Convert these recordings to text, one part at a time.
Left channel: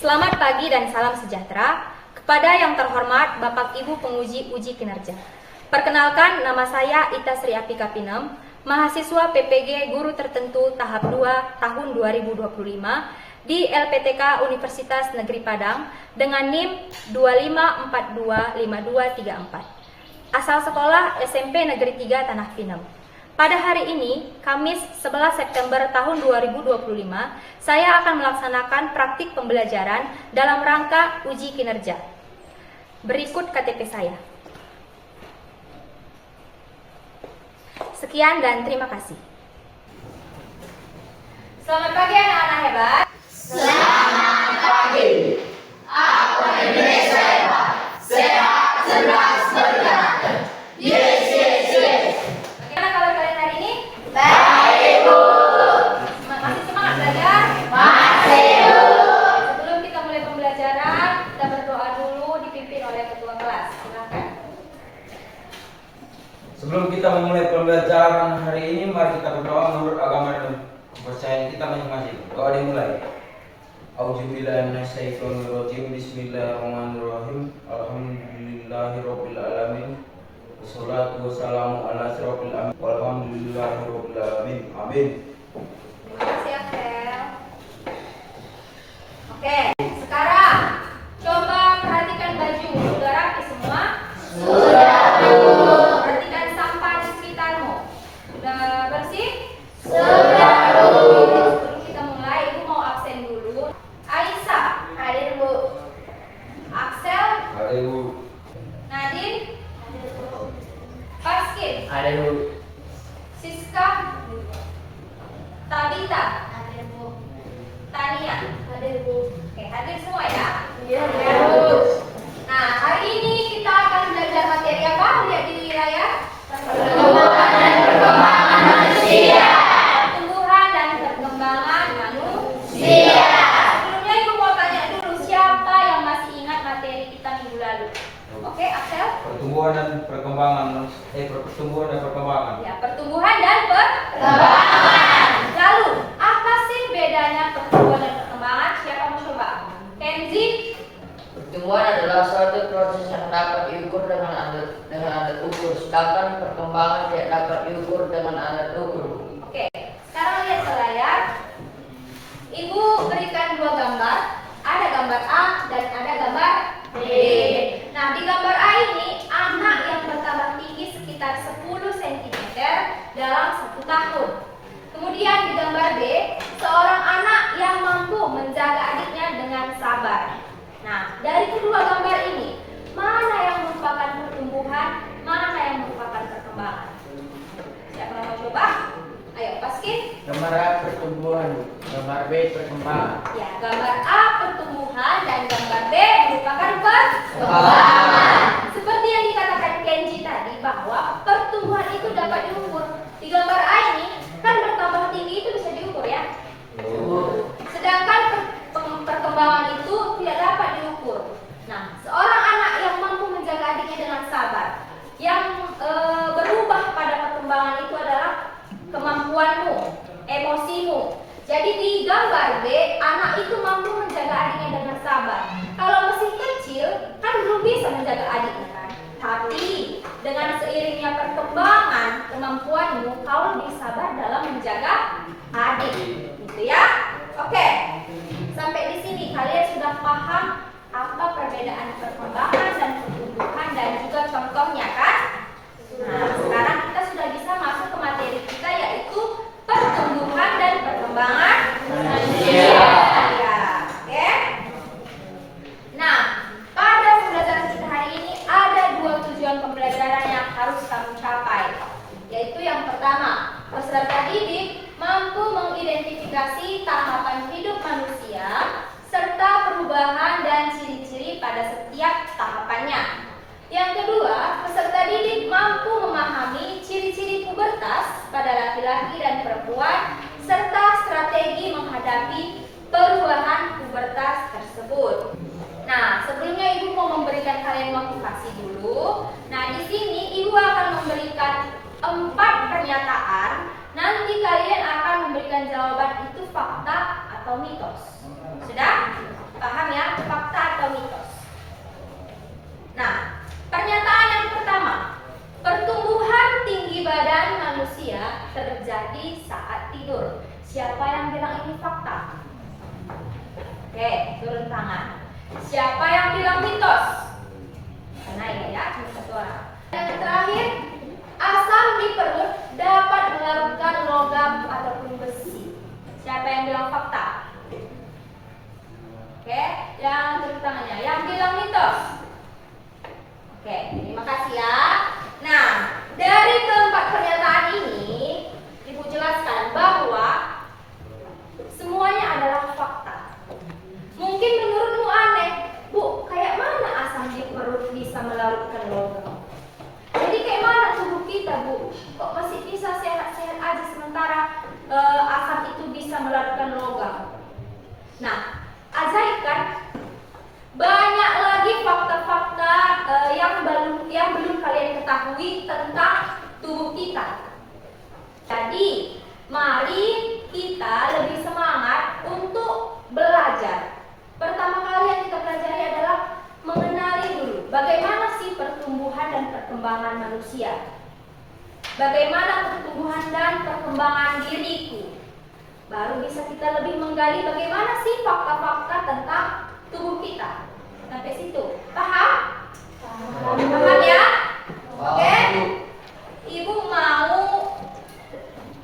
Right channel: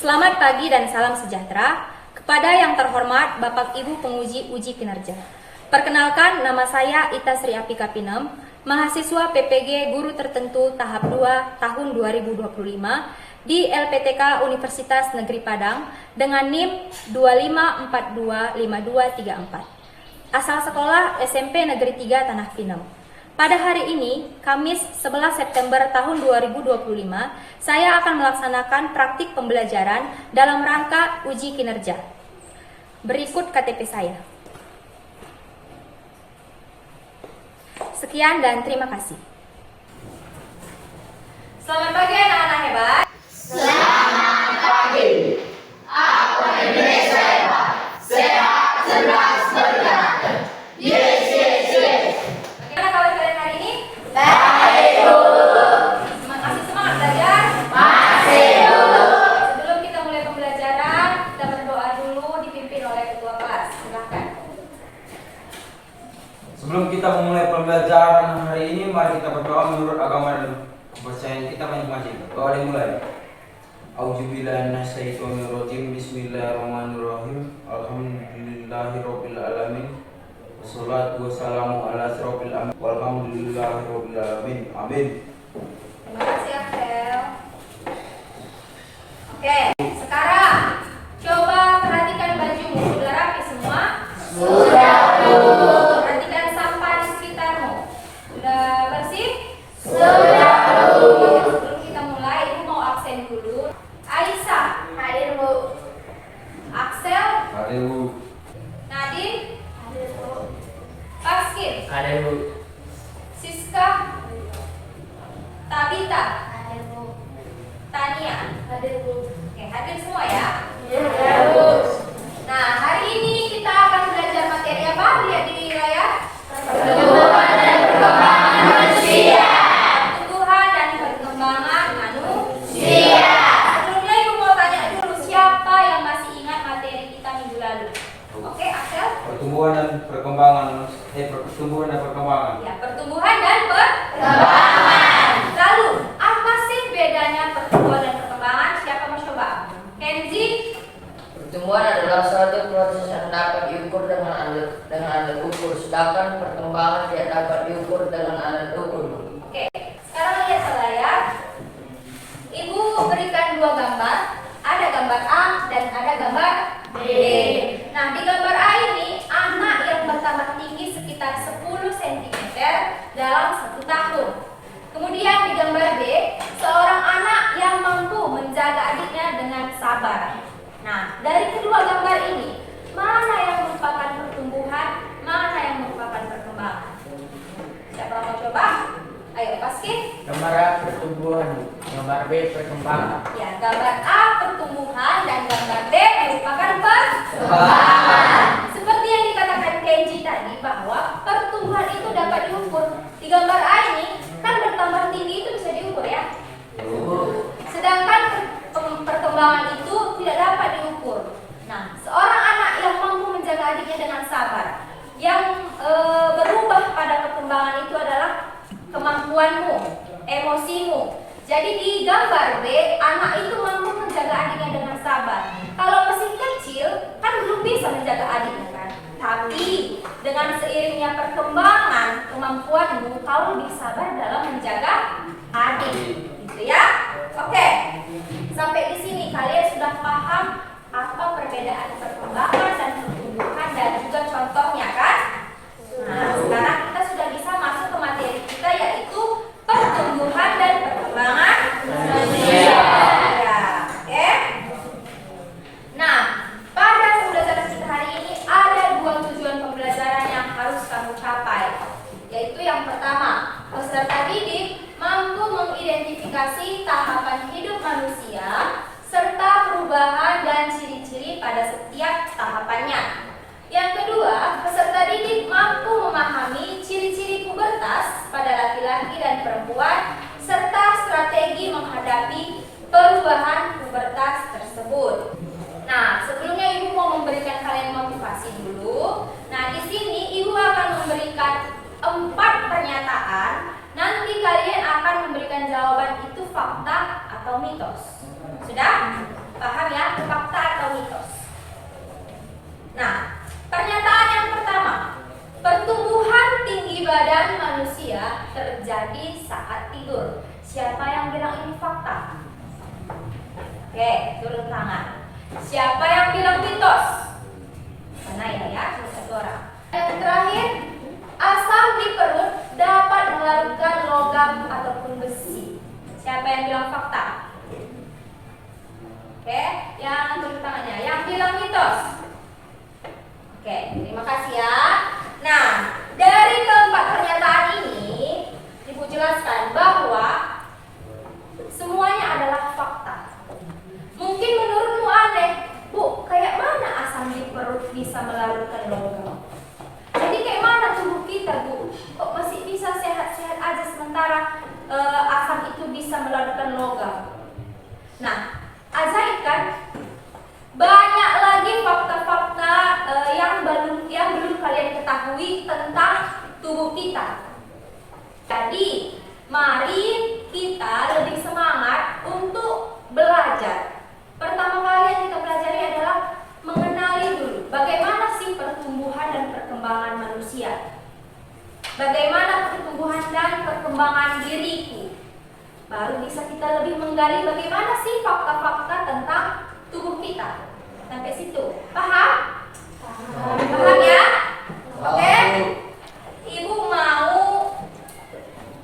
Selamat pagi dan salam sejahtera kepada yang terhormat Bapak Ibu penguji uji kinerja. Perkenalkan, nama saya Ita Sri Apika Pinem, mahasiswa PPG Guru Tertentu tahap 2 tahun 2025 di LPTK Universitas Negeri Padang dengan NIM 25425234. Asal sekolah SMP Negeri 3 Tanah Pinem. Pada hari ini, Kamis 11 September tahun 2025, saya akan melaksanakan praktik pembelajaran dalam rangka uji kinerja. Berikut KTP saya. Sekian dan terima kasih. Selamat pagi anak-anak hebat. Selamat pagi. Aku Indonesia hebat, sehat, cerdas, bergerak. Yes, yes, yes. Bagaimana kabar kalian hari ini? Baik, Bu. Masih semangat belajar? Masih, Bu. Sebelum kita mulai pembelajaran, kita berdoa dulu dipimpin oleh ketua kelas. Silakan. Sebelum kita memulai pembelajaran hari ini, mari kita berdoa menurut agama dan kepercayaan kita masing-masing. Doa dimulai. Auzubillahiminasyaitonirrajim. Bismillahirrahmanirrahim. Alhamdulillahirabbil alamin. Wassalatu wassalamu ala asyrofil anbiya'i walhamdulillahirabbil alamin. Amin. Terima kasih Akhel. Oke, sekarang coba perhatikan bajumu. Sudah rapi semua? Sudah, Bu. Perhatikan sampah di sekitarmu. Sudah bersih? Sudah, Bu. Sebelum kita mulai, Ibu mau absen dulu. Aisyah, hadir Bu. Axel, Hadir, Bu. Nadine, Paskin, Hadir, Bu. Siska, Tabita, Tania, Oke, hadir semua ya. Nah, hari ini kita akan belajar materi apa? Lihat di layar. Pertumbuhan dan perkembangan manusia. Pertumbuhan dan perkembangan manusia. Sia. Sebelumnya Ibu mau tanya dulu, siapa yang masih ingat materi kita minggu lalu? Oke, Axel? Pertumbuhan dan perkembangan. Pertumbuhan dan perkembangan. Ya, pertumbuhan dan Perkembangan. Lalu, apa sih bedanya pertumbuhan dan perkembangan? Siapa mau coba? Kenzi? Pertumbuhan adalah suatu proses yang dapat diukur dengan alat ukur, sedangkan perkembangan tidak dapat diukur dengan alat ukur. Oke, sekarang lihat ke layar. Ibu berikan dua gambar. Ada gambar A dan ada gambar B. Nah, di gambar A ini anak yang bertambah tinggi sekitar 10 cm dalam 1 tahun. Kemudian di gambar B, seorang anak yang mampu menjaga adiknya dengan sabar. Nah, dari kedua gambar ini, mana yang merupakan pertumbuhan, mana yang merupakan perkembangan? Siapa mau coba? Ayo, Paskin. Gambar A pertumbuhan, gambar B perkembangan. Ya, gambar A pertumbuhan dan gambar B merupakan Perkembangan. Seperti yang dikatakan Kenji tadi bahwa pertumbuhan itu dapat diukur. Di gambar A ini kan bertambah tinggi itu bisa diukur ya. Sedangkan perkembangan itu tidak dapat diukur. Nah, seorang anak yang mampu menjaga adiknya dengan sabar, yang berubah pada perkembangan itu adalah kemampuanmu, emosimu. Jadi di gambar B, anak itu mampu menjaga adiknya dengan sabar. Kalau masih kecil, kan belum bisa menjaga adiknya kan. Tapi dengan seiringnya perkembangan kemampuanmu, kau lebih sabar dalam menjaga adik, gitu ya. Oke, sampai di sini kalian sudah paham apa perbedaan perkembangan dan pertumbuhan dan juga contohnya kan? Nah, sekarang kita sudah bisa masuk ke materi kita yaitu pertumbuhan dan perkembangan manusia. Ya, oke. Nah, pada pembelajaran kita hari ini ada 2 tujuan pembelajaran yang harus kamu capai. Yaitu yang pertama, peserta didik mampu mengidentifikasi tahapan hidup manusia serta perubahan dan ciri-ciri pada setiap tahapannya. Yang kedua, peserta didik mampu memahami ciri-ciri pubertas pada laki-laki dan perempuan serta strategi menghadapi perubahan pubertas tersebut. Nah, sebelumnya Ibu mau memberikan kalian motivasi dulu. Nah, di sini Ibu akan memberikan 4 pernyataan. Nanti kalian akan memberikan jawaban itu fakta atau mitos. Sudah? Paham ya? Oke, turun tangan. Siapa yang bilang mitos? Karena ini ya, cuma satu orang. Yang terakhir, asam di perut dapat melarutkan logam ataupun besi. Siapa yang bilang fakta? Oke, yang turun tangannya. Yang bilang mitos? Oke, terima kasih ya. Nah, dari keempat pernyataan ini, Ibu jelaskan bahwa semuanya adalah fakta. Mungkin menurutmu aneh, Bu, kayak mana asam di perut bisa melarutkan logam? Jadi kayak mana tubuh kita, Bu? Kok masih bisa sehat-sehat aja sementara asam itu bisa melarutkan logam? Nah, ajaib kan? Banyak lagi fakta-fakta yang belum kalian ketahui tentang tubuh kita. Jadi, mari kita lebih semangat untuk belajar. Pertama kali yang kita pelajari adalah mengenali dulu bagaimana sih pertumbuhan dan perkembangan manusia. Bagaimana pertumbuhan dan perkembangan diriku. Baru bisa kita lebih menggali bagaimana sih fakta-fakta tentang tubuh kita. Sampai situ. Paham? Paham ya? Oke? Ibu mau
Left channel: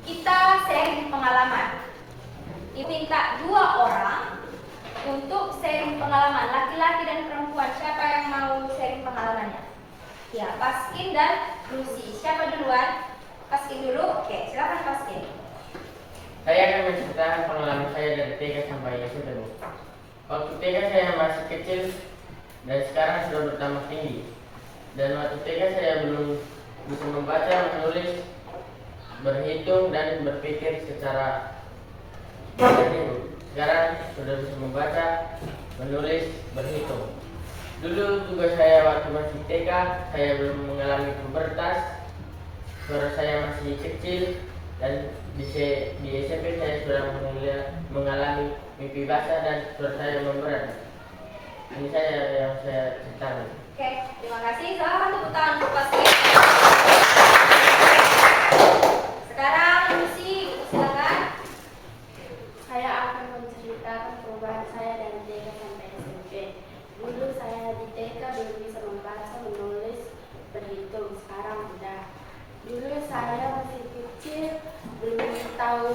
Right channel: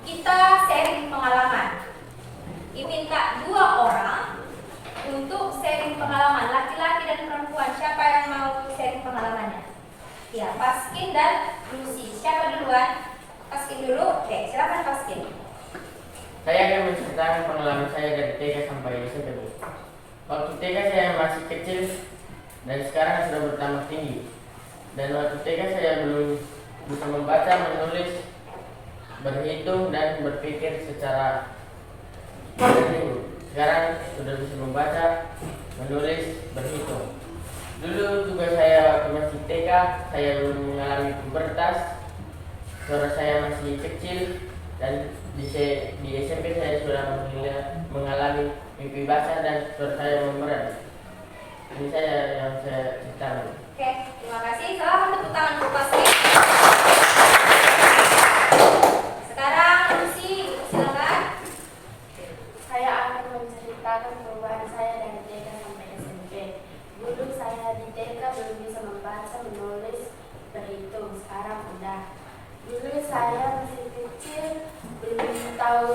kita sharing pengalaman. Ibu minta 2 orang untuk sharing pengalaman, laki-laki dan perempuan. Siapa yang mau sharing pengalamannya? Ya, Paskin dan Lucy. Siapa duluan? Paskin dulu. Oke, silakan Paskin. Saya akan menceritakan pengalaman saya dari TK sampai SMP. Waktu TK saya masih kecil dan sekarang sudah bertambah tinggi. Dan waktu TK saya belum bisa membaca, menulis, berhitung dan berpikir secara jernih. Sekarang sudah bisa membaca, menulis, berhitung. Dulu juga saya waktu masih TK, saya belum mengalami pubertas, suara saya masih kecil, dan di SMP saya sudah mengalami mimpi basah dan suara saya memberat. Ini saya yang saya ceritakan. Oke, terima kasih. Silakan tepuk tangan untuk Paskin. Sekarang Lucy, silakan. Saya akan menceritakan perubahan saya dari TK sampai SMP. Dulu saya di TK belum bisa membaca, menulis, berhitung. Sekarang udah. Dulu saya masih kecil, belum tahu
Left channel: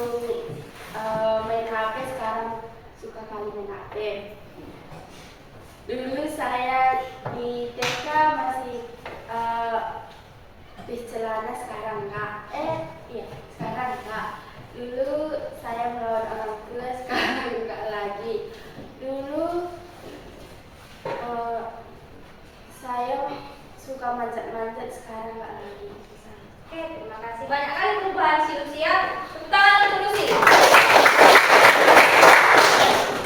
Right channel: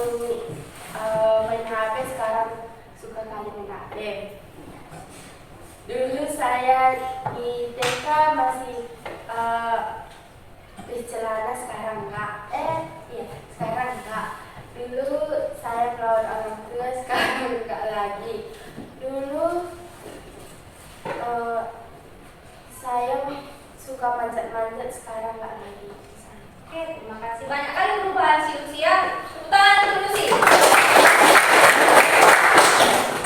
main HP. Sekarang suka kali main HP. Dulu saya di TK masih habis celana, sekarang enggak. Iya, sekarang enggak. Dulu saya melawan orang tua, sekarang enggak lagi. Dulu saya suka manjat-manjat, sekarang enggak lagi. Oke, terima kasih. Banyak kali perubahan si Lucy ya. Tepuk tangan untuk Lucy.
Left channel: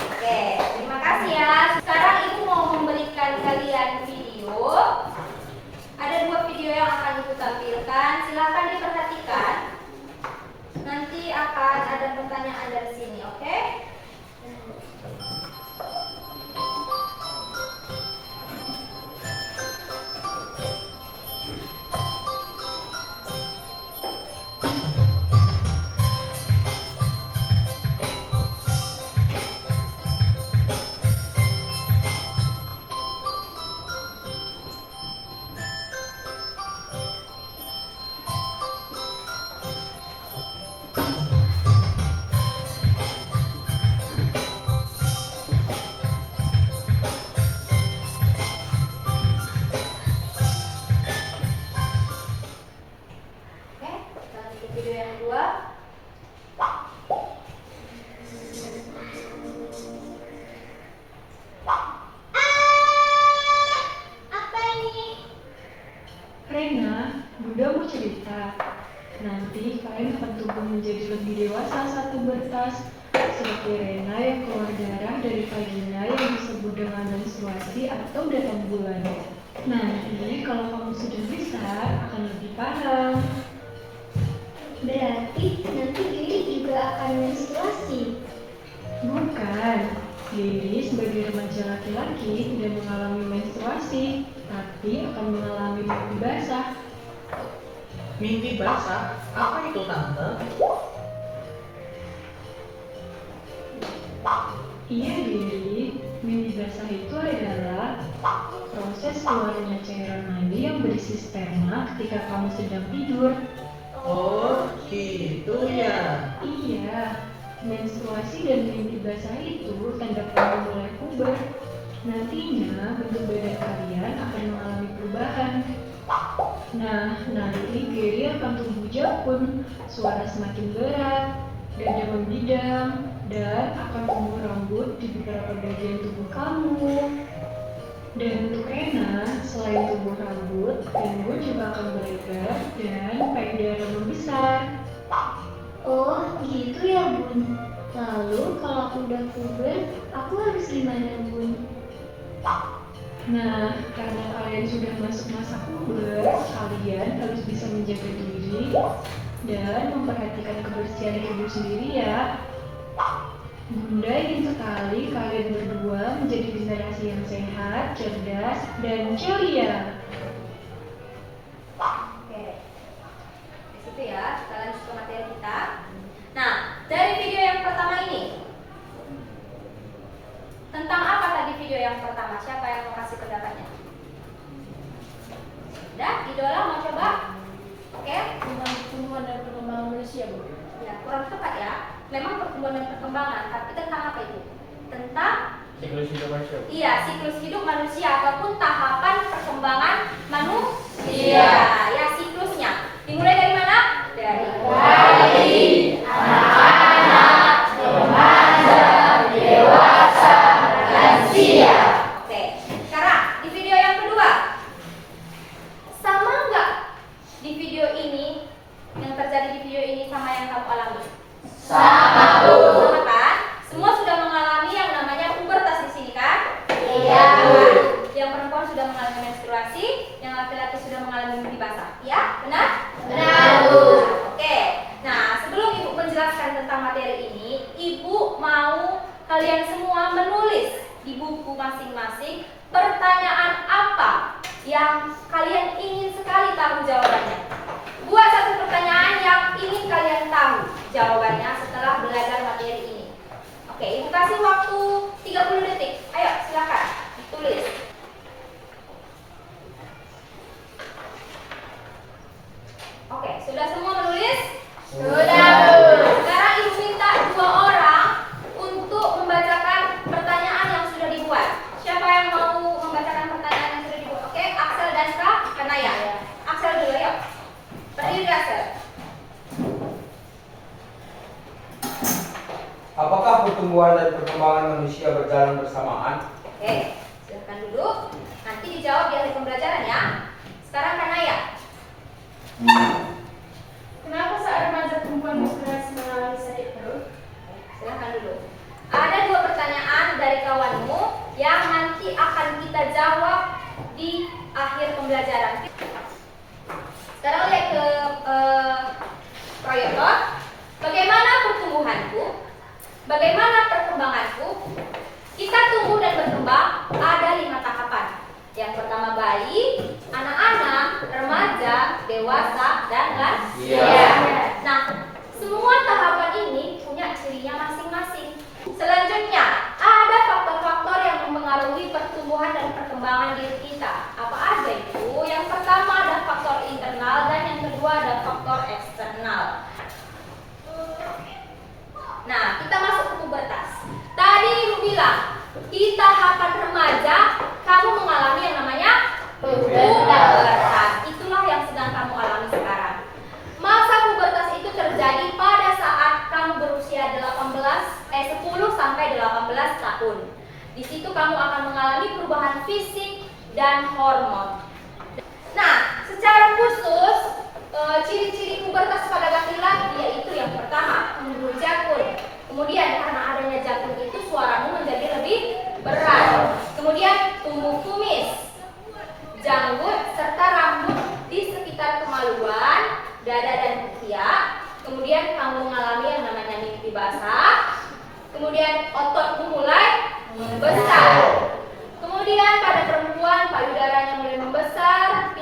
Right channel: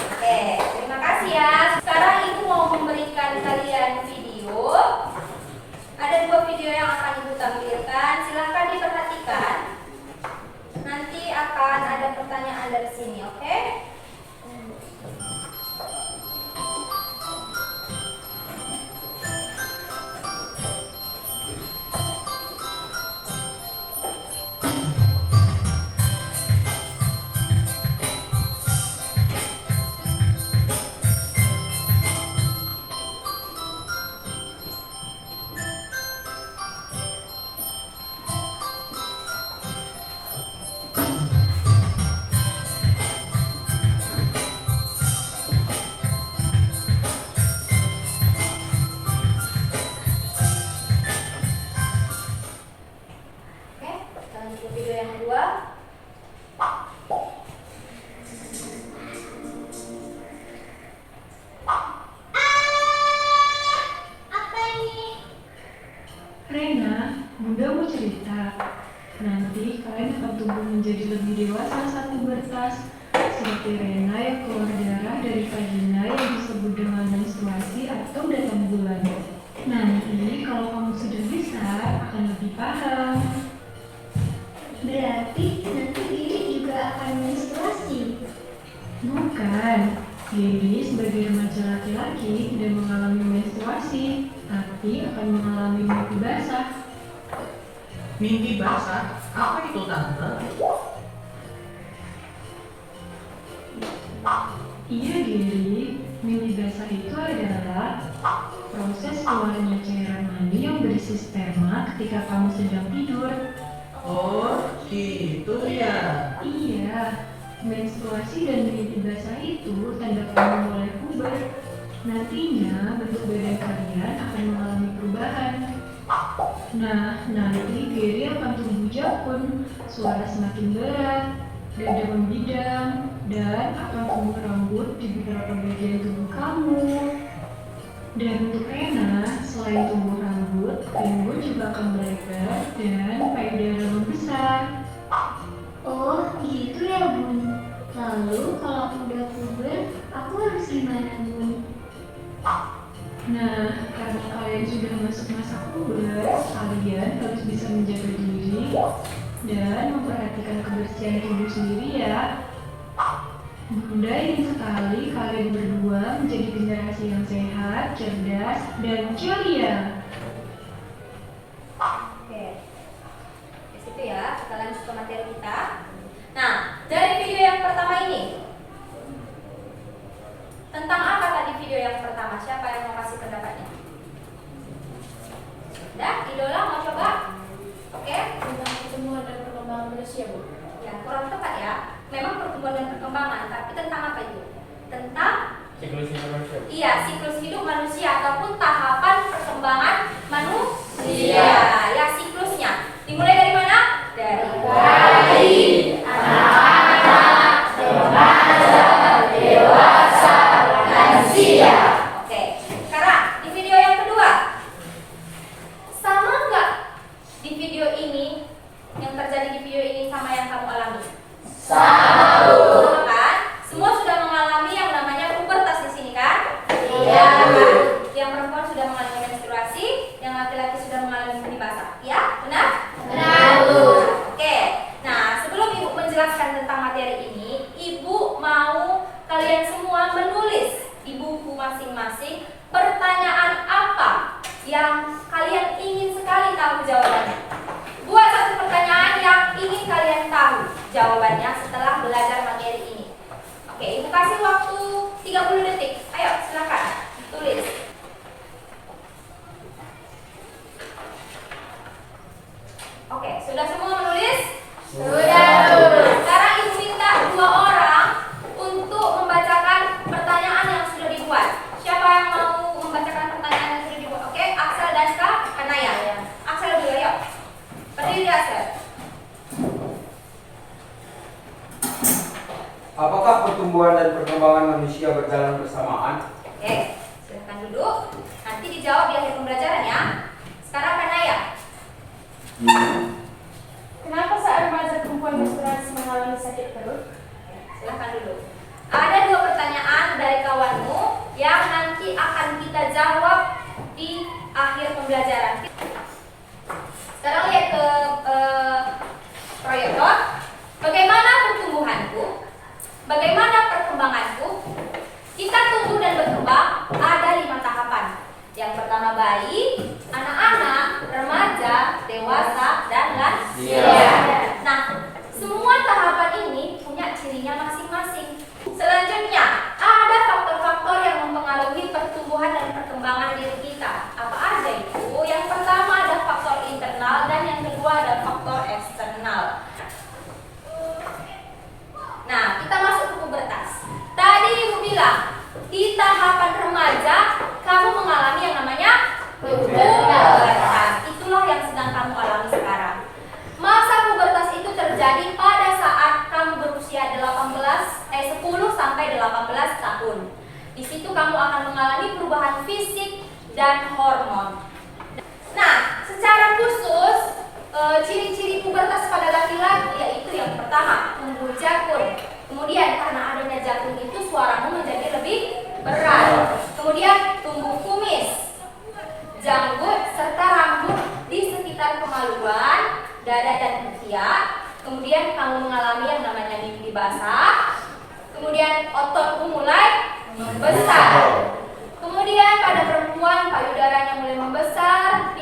Oke, terima kasih ya. Sekarang Ibu mau memberikan kalian video. Ada 2 video yang akan Ibu tampilkan. Silakan diperhatikan. Nanti akan ada pertanyaan dari sini, oke? Oke, kita lanjut ke video yang kedua. Apa ini? Rena, Bunda mau cerita. Nanti kalian akan tumbuh menjadi lebih dewasa saat pubertas. Seperti Rena yang keluar darah dari vagina yang disebut dengan menstruasi atau datang bulan. Nanti kalau kamu sudah besar akan lebih paham. Berarti nanti Diri juga akan menstruasi. Bukan, Diri sebagai remaja laki-laki tidak mengalami menstruasi, tapi akan mengalami mimpi basah. Mimpi basah? Apa itu tante? Iya Diri, basah itu adalah proses keluarnya cairan mani yang berisi sperma ketika kamu sedang tidur. Oh, gitu ya. Iya, menstruasi dan mimpi basah itu tanda kamu mulai puber. Nantinya bentuk badan kalian akan mengalami perubahan. Nah, nanti Gary akan tumbuh jangkung, suara semakin berat, dada membidang, dan akan tumbuh rambut di beberapa bagian tubuh kamu. Dan untuk Rena, selain tumbuh rambut, pinggul juga akan melebar dan payudara membesar. Oh, gitu ya, Bun. Lalu kalau aku udah puber, aku harus gimana, Bun? Nah, karena kalian sudah masuk masa puber, kalian harus bisa menjaga diri dan memperhatikan kebersihan tubuh sendiri ya. Bunda ingin sekali kalian berdua menjadi generasi yang sehat, cerdas, dan ceria. Oke, di situ ya, kita lanjut ke materi kita. Nah, dari video yang pertama ini, tentang apa tadi video yang pertama? Siapa yang mau kasih pendapatnya? Udah, Idola mau coba? Oke, Tentang pertumbuhan dan perkembangan manusia, Bu. ya kurang tepat ya. Memang pertumbuhan dan perkembangan, tapi tentang apa itu? Tentang Siklus hidup manusia. iya, siklus hidup manusia ataupun tahapan perkembangan manusia. Ya, siklusnya. Dimulai dari mana? Dari anak-anak, remaja, dewasa, lansia. Oke, sekarang di video yang kedua. Sama nggak di video ini yang terjadi di video ini sama yang kamu alami? Sama, Bu. Sama kan? Semua sudah mengalami yang namanya pubertas di sini kan? Iya. Yang perempuan sudah mengalami menstruasi, yang laki-laki sudah mengalami mimpi basah. Ya, benar? Benar, Bu. Oke. Nah, sebelum Ibu menjelaskan tentang materi ini, Ibu mau kalian semua menulis di buku masing-masing pertanyaan apa yang kalian ingin sekali tahu jawabannya. Buat satu pertanyaan yang ingin kalian tahu jawabannya setelah belajar materi ini. Oke, Ibu kasih waktu 30 detik. Ayo, silakan tulis. Oke, sudah semua menulis? Sudah. Sekarang Ibu minta 2 orang untuk membacakan pertanyaan yang sudah dibuat. Siapa yang mau membacakan pertanyaan yang sudah dibuat? Oke, Axel, Daska, Kanaya. Axel dulu, yuk. Berdiri, Axel. Apakah pertumbuhan dan perkembangan manusia berjalan bersamaan? Oke, silakan duduk. Nanti dijawab di akhir pembelajaran ya. Sekarang Kanaya. Kenapa saat remaja perempuan menstruasi mengalami sakit perut? Silahkan duduk. Ada 2 pertanyaan dari kawanmu yang nanti akan kita jawab di akhir pembelajaran. Sekarang lihat ke proyektor. Bagaimana pertumbuhanku? Bagaimana perkembanganku? Kita tumbuh dan berkembang ada 5 tahapan. Yang pertama bayi, anak-anak, remaja, dewasa, dan lansia. Nah, semua tahapan ini punya cirinya masing-masing. Selanjutnya, ada faktor-faktor yang mempengaruhi pertumbuhan dan perkembangan diri kita. Apa aja itu? Yang pertama ada faktor internal dan yang kedua ada faktor eksternal. Nah, kita masuk ke pubertas. Tadi Ibu bilang, di tahapan remaja kamu mengalami yang namanya pubertas. Itulah yang sedang kamu alami sekarang. Masa pubertas itu terjadi pada saat kamu berusia 10 sampai 18 tahun. Di situ kamu akan mengalami perubahan fisik dan hormon. Nah, secara khusus ciri-ciri pubertas pada laki-laki yaitu yang pertama, tumbuh jangkung. Kemudian karena adanya jangkung itu suaramu menjadi lebih berat. Kemudian tumbuh kumis, janggut serta rambut di sekitar kemaluan, dada dan ketiak. Kemudian kamu mengalami yang namanya mimpi basah. Kemudian ototmu mulai membesar. Kemudian pada perempuan payudaranya mulai membesar,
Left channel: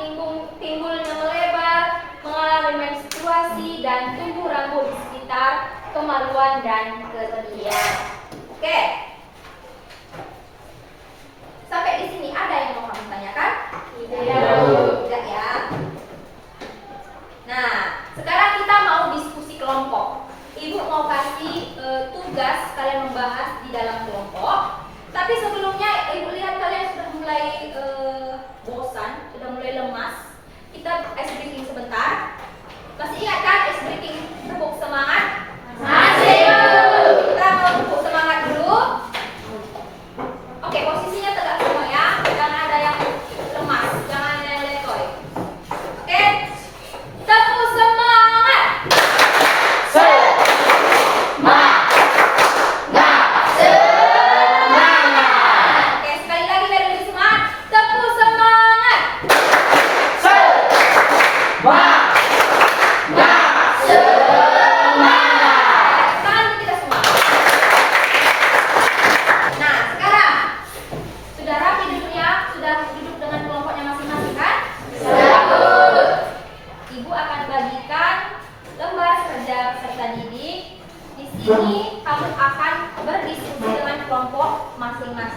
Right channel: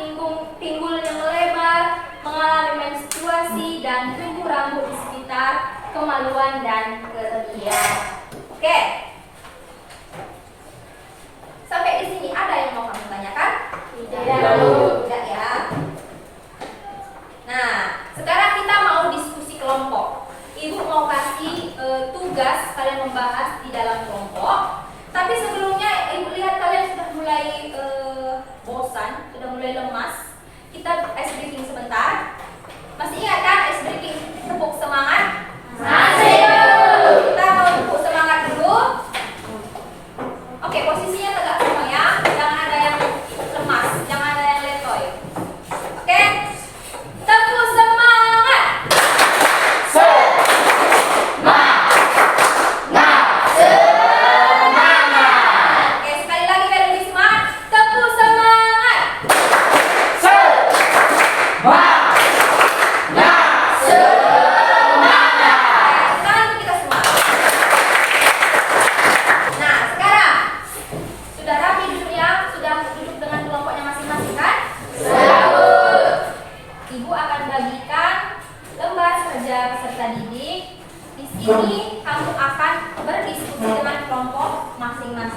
pinggulnya melebar, mengalami menstruasi dan tumbuh rambut di sekitar kemaluan dan ketiak. Oke.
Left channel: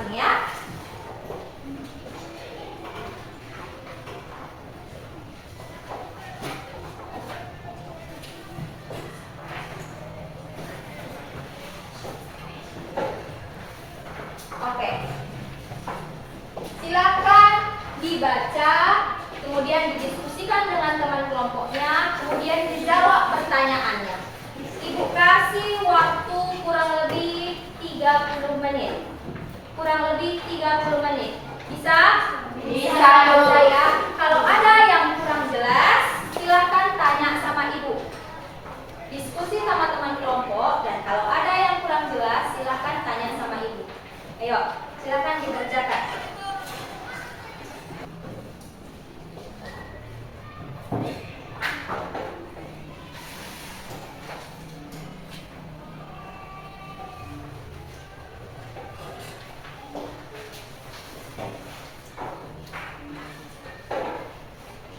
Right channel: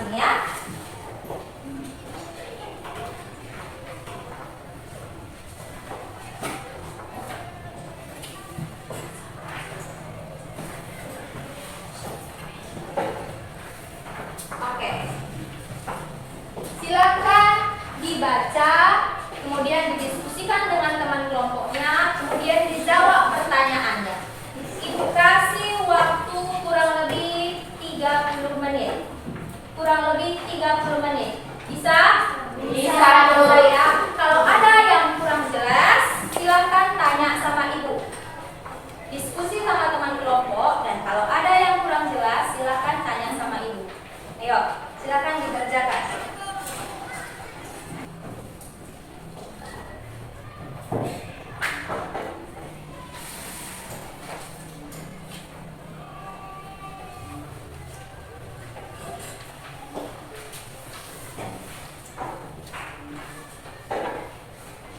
masing-masing ya. Oke. Silakan dibaca, kemudian didiskusikan dengan teman kelompoknya, kemudian dijawab pertanyaannya. Ibu kasih waktu kurang lebih 30 menit. Kurang lebih 30 menit. Bisa? Bisa, Bu. Ya. Kalau ada yang kurang jelas, silakan tanya sama ibu. Diskusi sama teman kelompok, dan kalau ada yang kurang jelas, silakan tanya sama ibu. Ayo, silakan dikerjakan.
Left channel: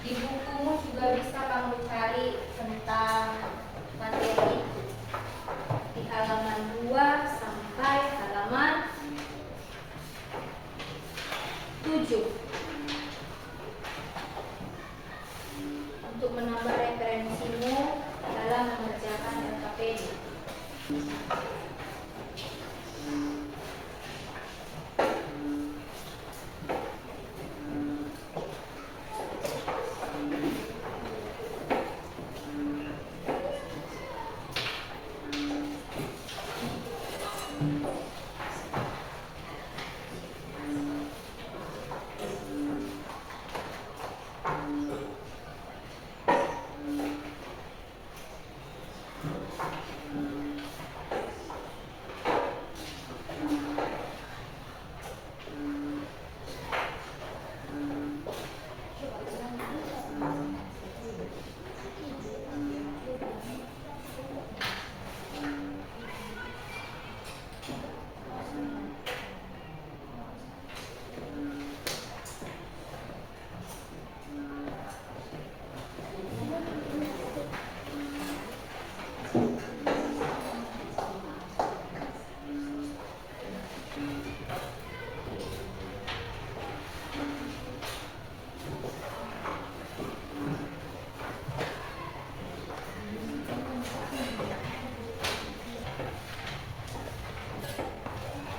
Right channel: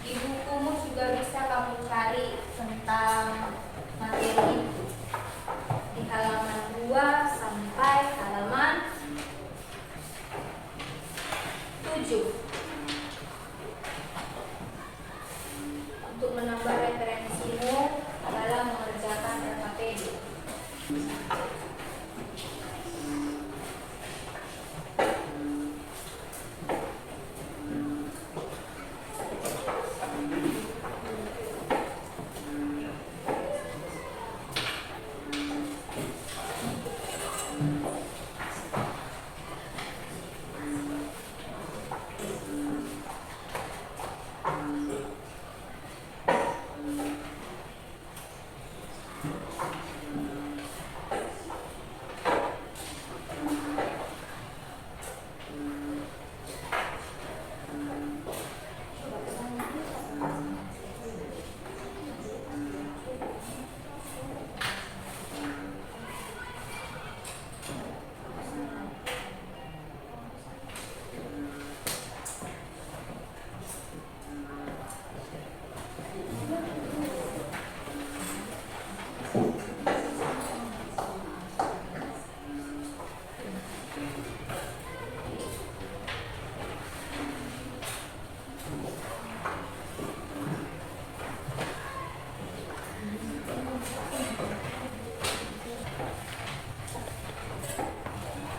Di bukumu juga bisa kamu cari tentang materi itu. Di halaman 2 sampai halaman 7. Untuk menambah referensimu dalam mengerjakan LKPD.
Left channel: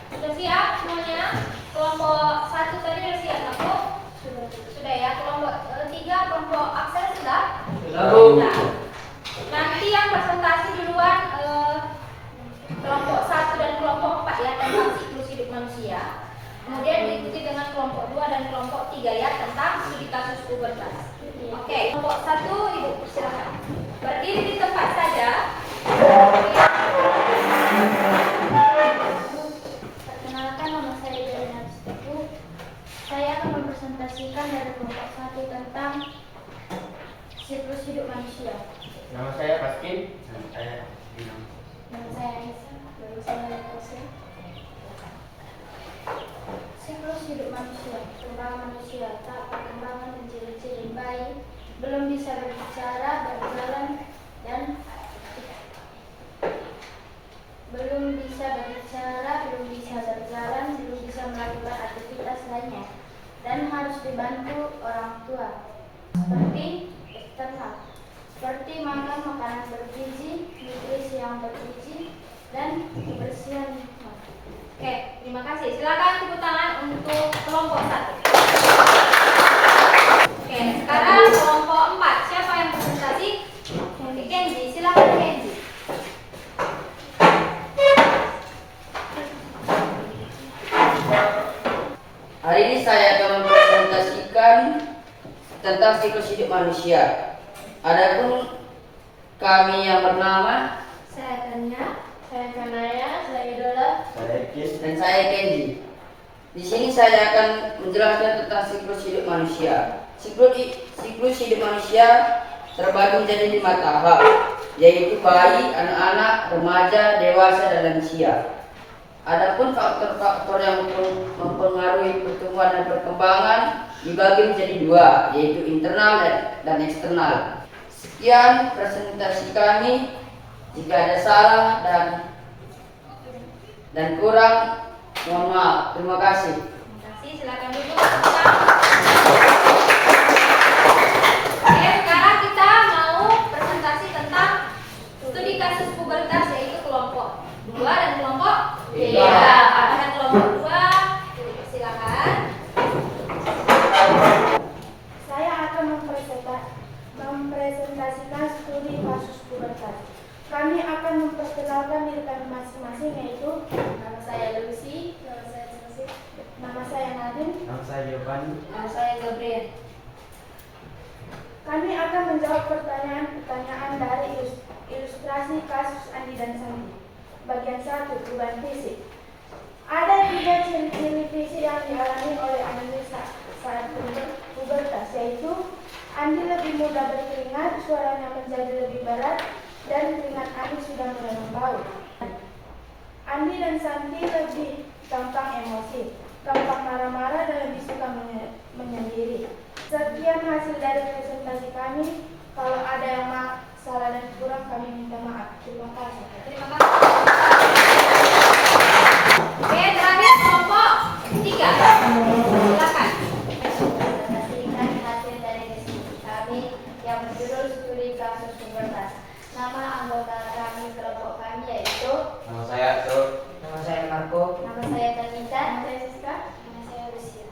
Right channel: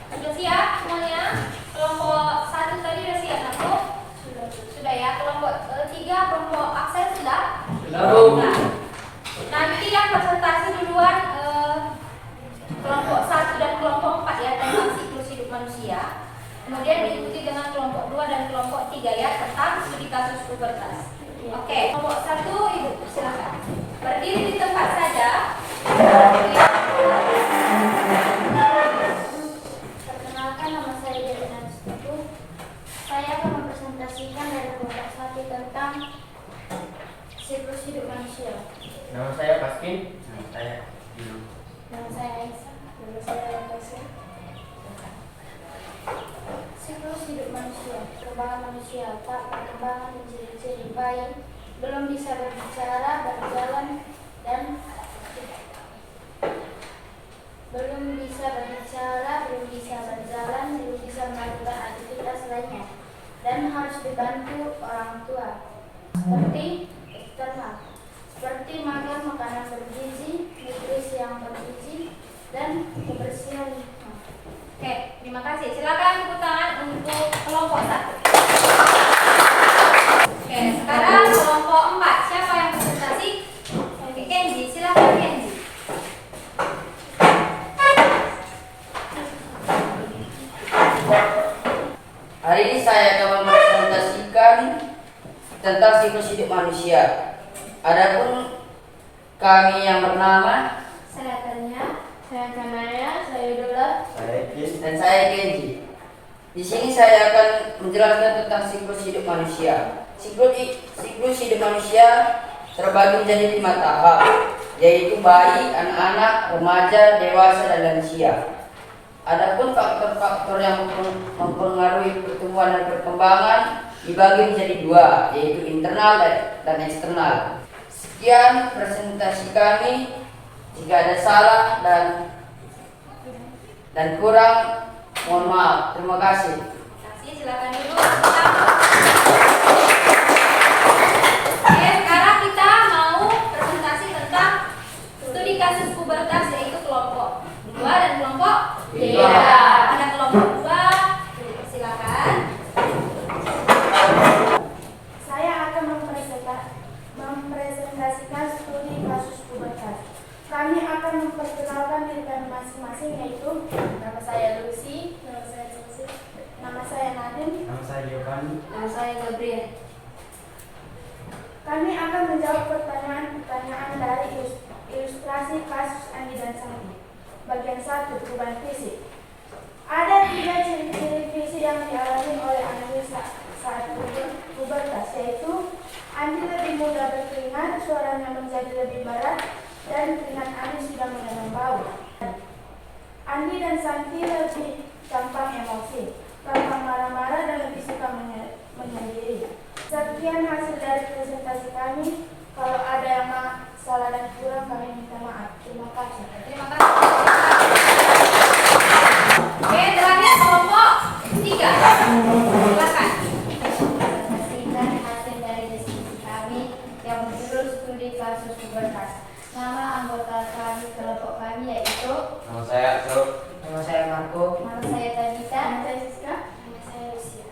Sudah siap semuanya? Kelompok 1 tadi sudah siap, aku? Sudah ya. Kelompok 3, kelompok Aksel sudah? Sudah. Nanti yang presentasi duluan kelompok 1 dan kelompok 4 ya, tentang siklus hidup manusia. Kemudian diikuti dengan kelompok 2 dan kelompok 3 ya, tentang studi kasus pubertas. Oke, kelompok 1 Ibu silakan. Berdiri di tempat saja. Perkenalkan, nama saya Delina Stutu. Saya akan mempresentasikan dari kelompok 1 tentang siklus hidup manusia. Nama saya Paskin. Nama saya Dino. Nama saya Aisyah. Nama saya Aisyah. Siklus hidup manusia. Perkembangan manusia. Tak perkembangan menjadi ciri bayi, belum bisa berbicara, berjalan, dan belum bisa melakukan aktivitas lainnya, dan harus dibantu orang tua. Seperti eksternal, seperti makan makanan bergizi, nutrisi yang bergizi, dan kebersihan lingkungan. Oke, terima kasih. Silakan tepuk tangan untuk kelompok 1. Oke, sekarang kelompok 4. Siapa yang presentasi? Oke, Kenji, silakan Kenji. Hari ini saya akan mempresentasikan tentang siklus hidup manusia. Adapun kami yang bernama Saya Tanya, saya Kanaya, saya Idola. Saya Kis. dan saya Kenji. Di sini saya akan menjelaskan tentang siklus hidup manusia. Siklus hidup manusia terbagi menjadi 5 tahap, yaitu bayi, anak-anak, remaja, dewasa, dan lansia. Adapun faktor-faktor yang mempengaruhi pertumbuhan dan perkembangan dibagi menjadi 2, yaitu internal dan eksternal. Sekian presentasi kami. Jika ada salah dan kurang, Mohon maaf. Terima kasih. Terima kasih, silakan duduk. Oke, sekarang kita mau presentasi tentang studi kasus pubertas, yaitu kelompok 2 dan kelompok 3. Pada kelompok 2, silakan. Saya akan mempresentasikan studi kasus pubertas. Kami akan memperkenalkan diri kami masing-masing, yaitu nama saya Lucy, nama saya Sisi, nama saya Nadim, Nama saya Giovanni. Nama saya Gabriel. Kami akan menjawab pertanyaan-pertanyaan dari ilustrasi kasus Andi dan Sandi. Bagian 1, perubahan fisik. Ada 3 ciri-ciri fisik yang dialami oleh Andi saat pubertas, yaitu Andi lebih mudah berkeringat, suaranya menjadi lebih berat, dan keringat Andi sudah mulai membau. Andi dan Santi lebih gampang emosi, gampang marah-marah, dan lebih suka menyendiri. Sekian hasil dari presentasi kami. Kalau ada yang salah dan kurang, kami minta maaf. Terima kasih. Terima kasih. Oke, terakhir kelompok 3. Silakan. Presentasikan hasil dari diskusi kami yang berjudul studi kasus pubertas. Nama anggota kami kelompok kami yaitu Nama saya Arthur. Nama saya Marco. nama saya Tadita. Nama saya Siska. Nama saya Lucia.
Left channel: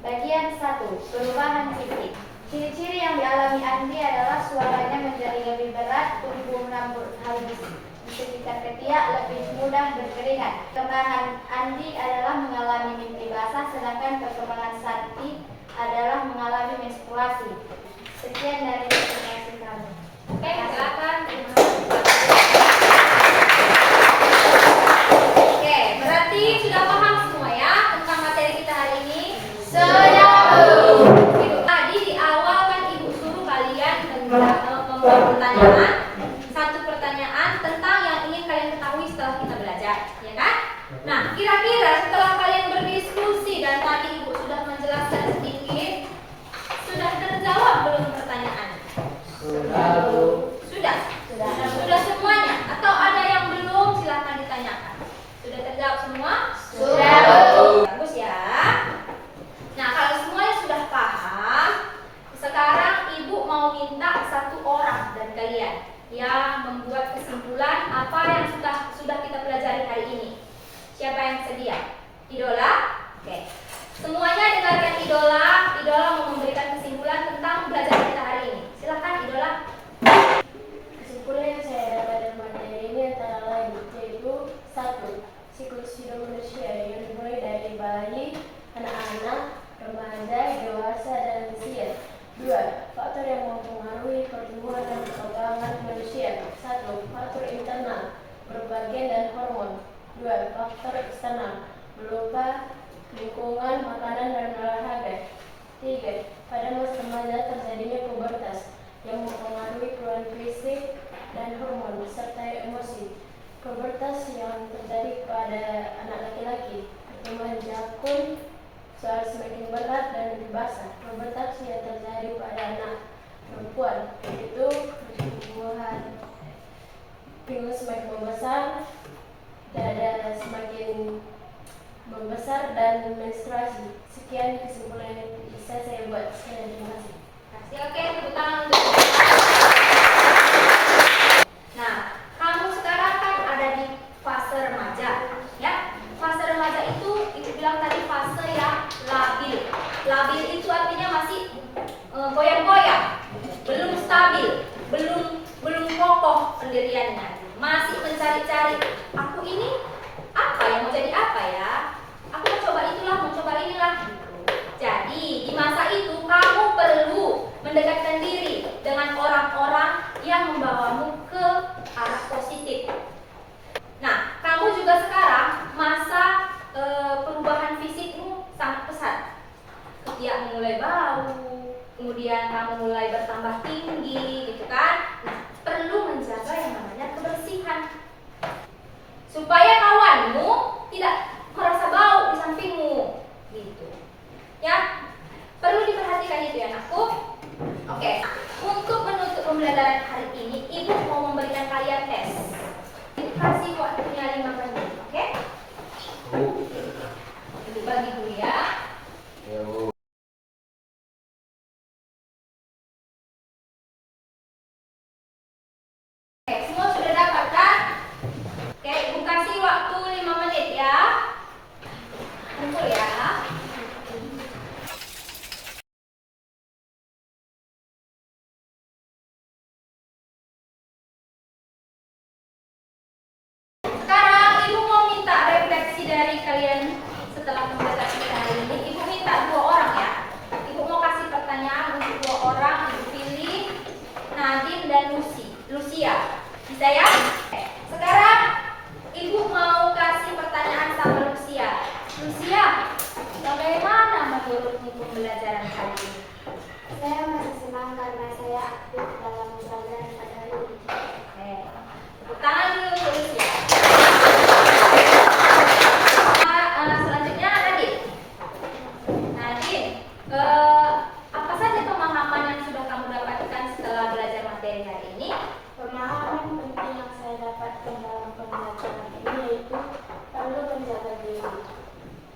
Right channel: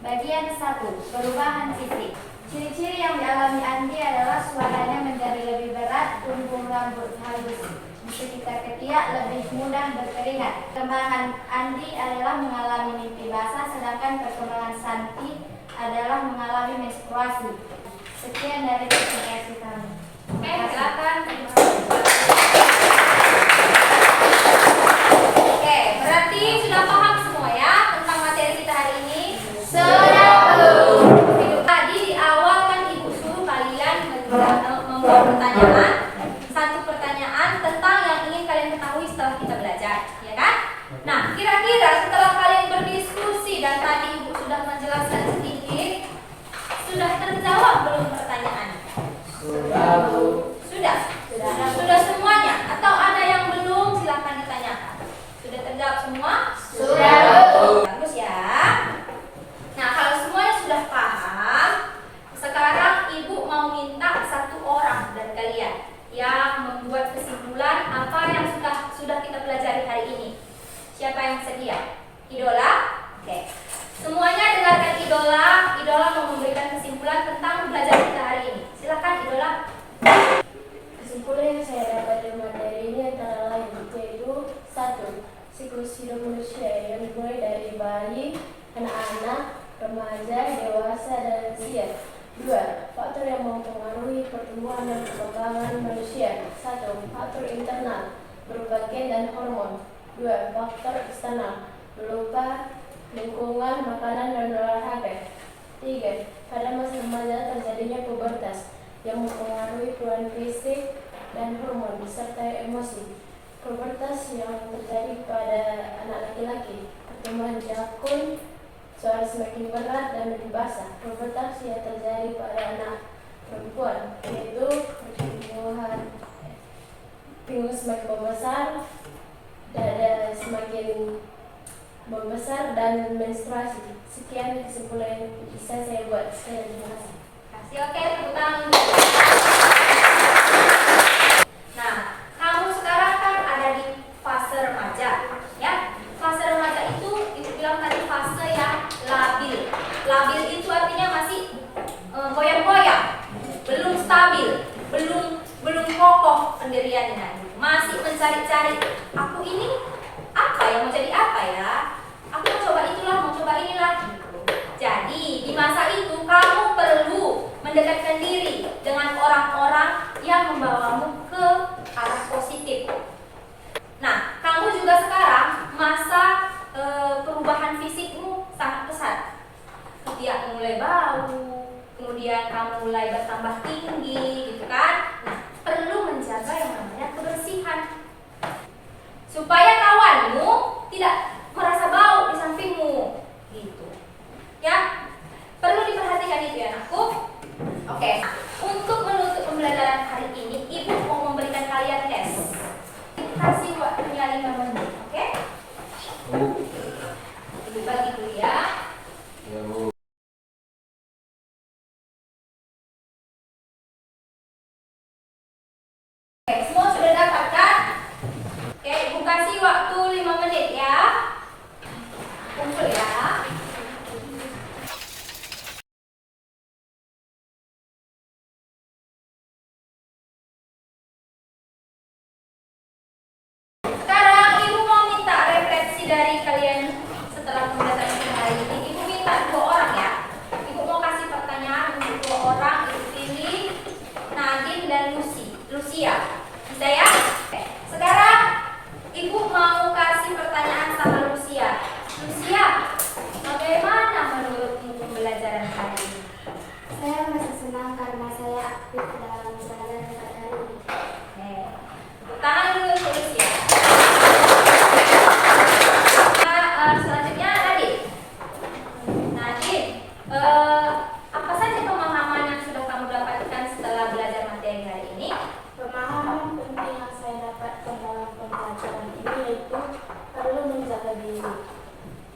Bagian 1, perubahan fisik. Ciri-ciri yang dialami Andi adalah suaranya menjadi lebih berat, tumbuh rambut halus di sekitar ketiak, lebih mudah berkeringat. Perkembangan Andi adalah mengalami mimpi basah, sedangkan perkembangan Santi adalah mengalami menstruasi. Sekian dari presentasi kami. Oke, silakan. Oke, berarti sudah paham semua ya tentang materi kita hari ini? Sudah. Tadi di awal kan Ibu suruh kalian membuat pertanyaan, satu pertanyaan tentang yang ingin kalian ketahui setelah kita belajar, ya kan? Nah, kira-kira setelah kalian berdiskusi dan tadi Ibu sudah menjelaskan sedikit, sudah terjawab belum pertanyaan? Sudah, Bu. Sudah? Sudah semuanya? Atau ada yang belum? Silakan ditanyakan. Sudah terjawab semua? Sudah. Bagus ya. Nah, kalau semuanya sudah paham, sekarang Ibu mau minta satu orang dan kalian yang membuat kesimpulan apa yang sudah kita pelajari hari ini. Siapa yang sedia? Idola? Oke. Semuanya dengarkan Idola. Idola mau memberikan kesimpulan tentang pelajaran kita hari ini. Silakan Idola. Kesimpulan yang saya dapat dari materi ini antara lain yaitu 1. Siklus hidup manusia yang dimulai dari bayi, anak-anak, remaja, dewasa, dan lansia. 2. Faktor yang mempengaruhi pertumbuhan dan perkembangan manusia. 1. Faktor internal, berbagian dan hormon. 2. Faktor eksternal, berupa lingkungan, makanan, dan olahraga. 3. Pada masa remaja terjadinya pubertas yang mempengaruhi perubahan fisik dan hormon disertai emosi. Pubertas yang terjadi pada anak laki-laki, pertumbuhan jakun, suara semakin berat dan lebih basah. Pubertas yang terjadi pada anak perempuan, yaitu pertumbuhan pinggul semakin membesar, dada semakin membesar, dan menstruasi. Sekian kesimpulan yang bisa saya buat. Sekian, terima kasih. Kasih oke, tepuk tangan untuk. Nah, kamu sekarang kan ada di fase remaja, ya. Fase remaja itu bilang tadi fase yang labil. Labil itu artinya masih goyang-goyang, belum stabil, belum kokoh pendiriannya, masih mencari-cari. Aku ini apa ya, mau jadi apa ya? Aku mau coba itulah, mau coba inilah. Jadi di masa itu kamu perlu mendekatkan diri dengan orang-orang yang membawamu ke arah positif. Nah, kamu juga sekarang masa perubahan fisikmu sangat pesat. Ketiak mulai bau, kemudian kamu mulai bertambah tinggi, gitu kan? Nah, perlu menjaga yang namanya kebersihan supaya kawanmu tidak merasa bau di sampingmu, gitu. Ya, perlu diperhatikan itu ya anakku. Oke, untuk menutup pembelajaran hari ini, Ibu mau memberikan kalian tes. Kasih waktunya 5 menit, oke? Kumpul ya. Sekarang Ibu mau minta refleksi dari kalian setelah pembelajaran hari ini. Ibu minta 2 orang ya. Ibu mau kasih pertanyaan untuk 2 orang. Ibu pilih Nadine dan Lucia. Bisa ya? Sekarang Ibu mau kasih pertanyaan sama Lucia. Lucia, bagaimana menurutmu pembelajaran hari ini? Saya masih senang karena saya aktif dalam pembelajaran pada hari ini. Oke. Tepuk tangan dulu untuk Lucia. Selanjutnya Nadine. Nadine, apa saja pemahaman yang sudah kamu dapatkan setelah belajar materi hari ini? Pemahaman penting yang saya dapatkan dalam pembelajaran ini yaitu perlu menjaga diri,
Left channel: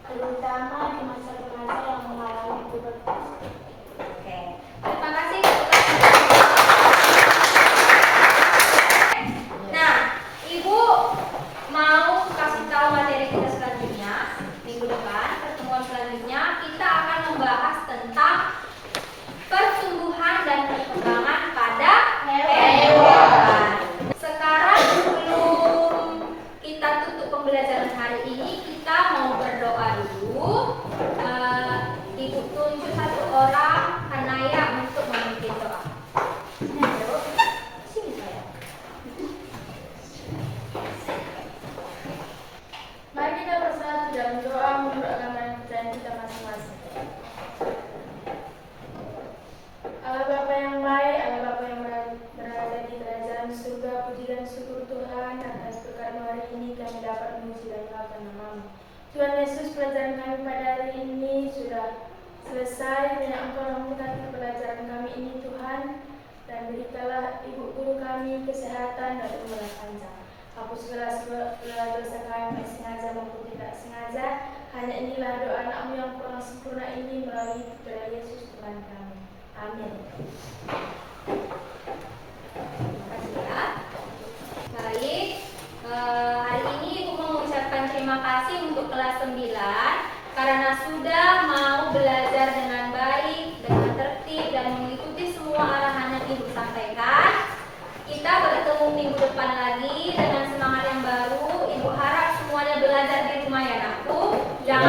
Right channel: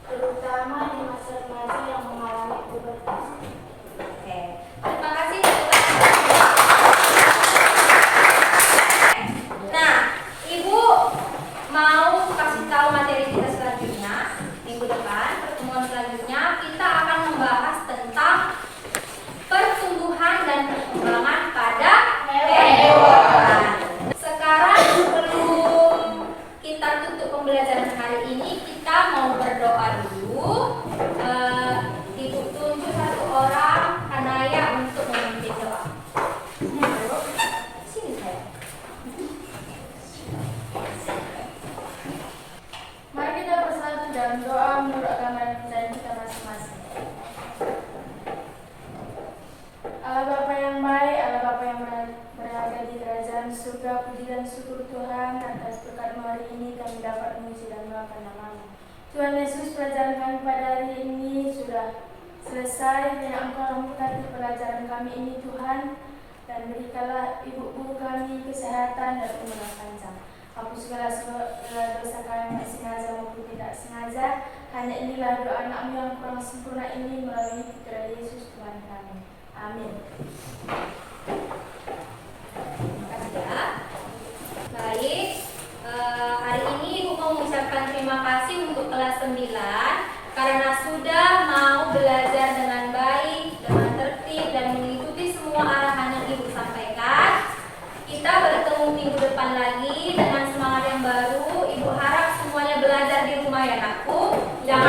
terutama di masa-masa yang mengalami pubertas. Oke. Terima kasih. Nah, Ibu mau kasih tahu materi kita selanjutnya. Minggu depan, pertemuan selanjutnya kita akan membahas tentang pertumbuhan dan perkembangan pada hewan. Sekarang sebelum kita tutup pembelajaran hari ini, kita mau berdoa dulu. Ibu tunjuk 1 orang Hanaya untuk memimpin doa. Sini saya. Mari kita bersatu dalam doa menurut agama dan kepercayaan kita masing-masing. Allah Bapa yang baik, Allah Bapa yang berada di kerajaan surga, puji dan syukur Tuhan atas berkat hari ini kami dapat memuji dan melakukan nama-Mu. Tuhan Yesus, pelajaran kami pada hari ini sudah selesai. Biar Engkau memberkati pelajaran kami ini Tuhan, dan berikanlah ibu guru kami kesehatan dan umur yang panjang. Hapus segala dosa kami yang sengaja maupun tidak sengaja. Hanya inilah doa anak-Mu yang kurang sempurna ini melalui putra Yesus Tuhan kami. Amin. Terima kasih ya. Baik, hari ini Ibu mau mengucapkan terima kasih untuk kelas 9 karena sudah mau belajar dengan baik, dengan tertib dan mengikuti semua arahan yang Ibu sampaikan. Kita bertemu minggu depan lagi dengan semangat yang baru. Ibu harap semuanya belajar di rumah ya, Nakku. Jangan